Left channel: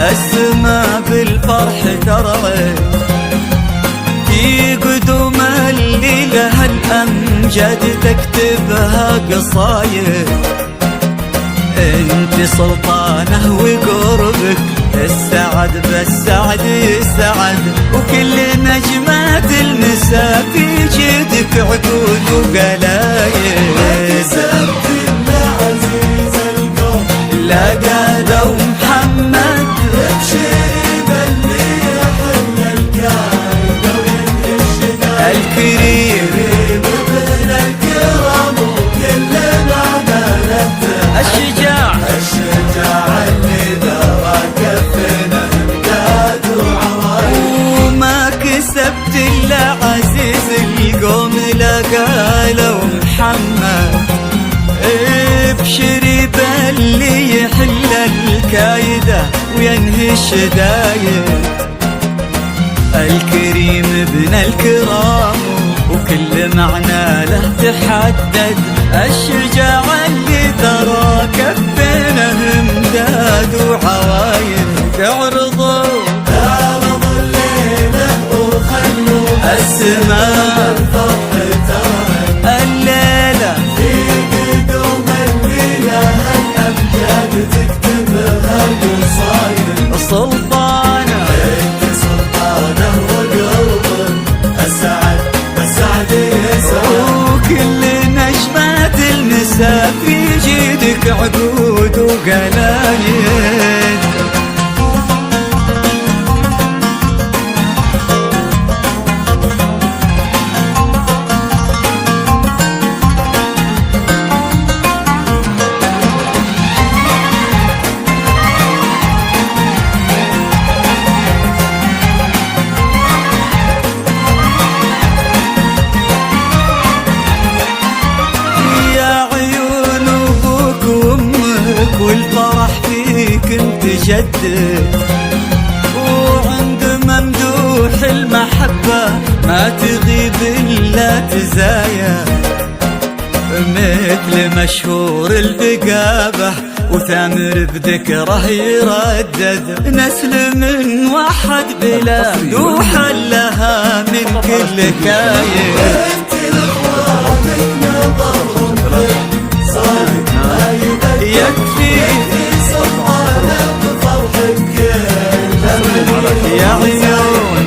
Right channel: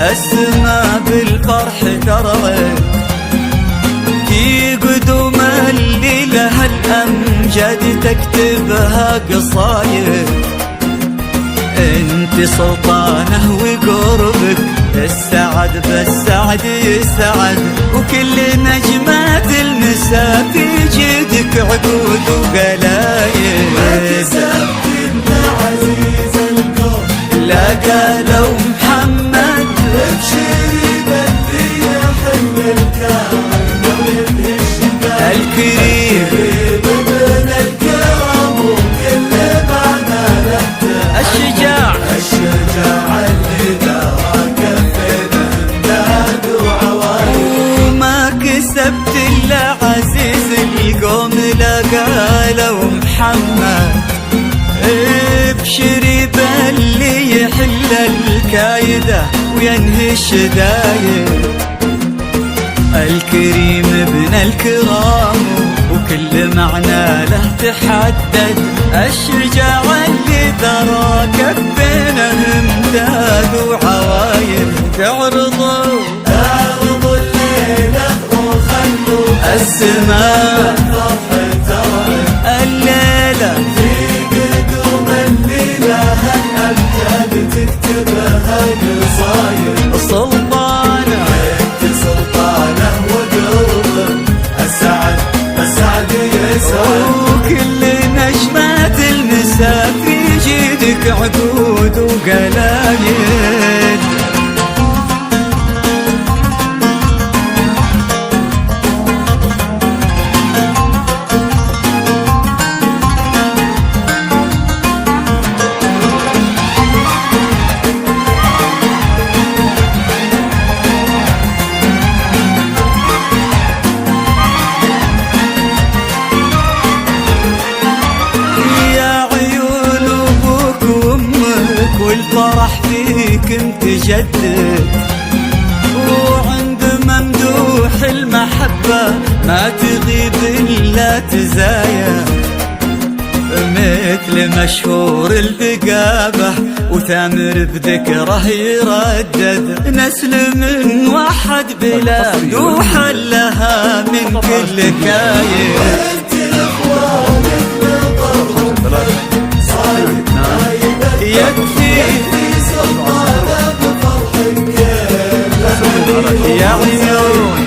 السما بالفرح ترعد في قدوم اللي لها الأمجاد تكتبها قصايد. انت سلطانه وقربك السعد بالسعد يسعد، وكل نجمات المسا في جيدك عقود وقلايد. لا قالوا محمد الكريم الشجاع وما كسبت الا عزيز القوم. لا قالوا محمد ابشري باللي يحل الكايدة وينهي الشدايد. الكريم ابن الكرام وكل معنى له تحدد، الشجاع اللي ترى كفينه امداد وعوايد. عرضوا الليلة وخلوا السماء الليلة في قدوم الليلة هالأمجاد تكتبها قصايد. سلطانة وكل نجمات المسا في جيدك عقود وقلايد. والفرح فيك انت جدد، وعند ممدوح المحبة ما تغيب الا تزايا. مثل مشهور البقابة وثامر بذكره يردد، نسل من واحد بلا دوحة لها من كل كايد. يكفي يا عيون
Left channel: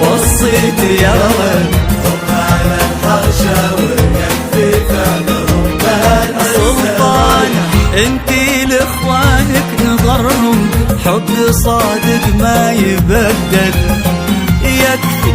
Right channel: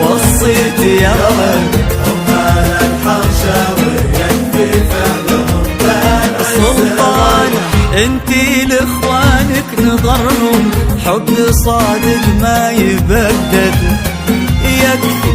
وصيت يا رب سلطانة انتي لاخوانك نظرهم حب صادق ما يبدد.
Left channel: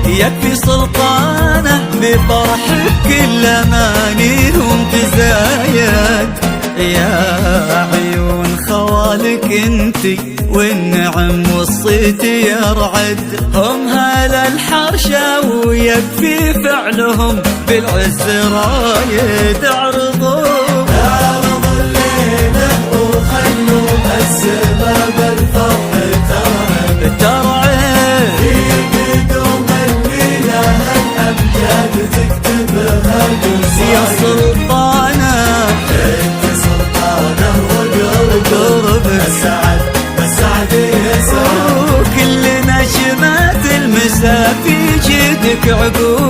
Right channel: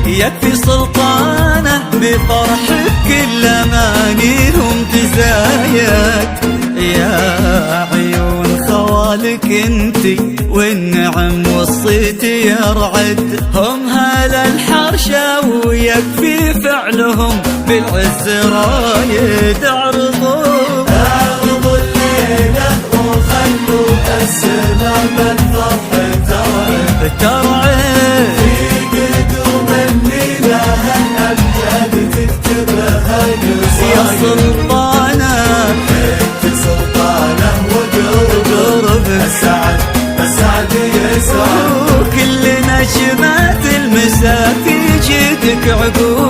يكفي سلطانه بفرحك كل امانيهم تزايد. يا عيون خوالك انتي والنعم وصيتي يرعد، هم هلا الحرشة ويكفي فعلهم بالعز رايد. عرضوا الليلة وخلوا السما بالفرح ترعد. يا سلطانة قربك وكل نجمات المسا في جيدك عقود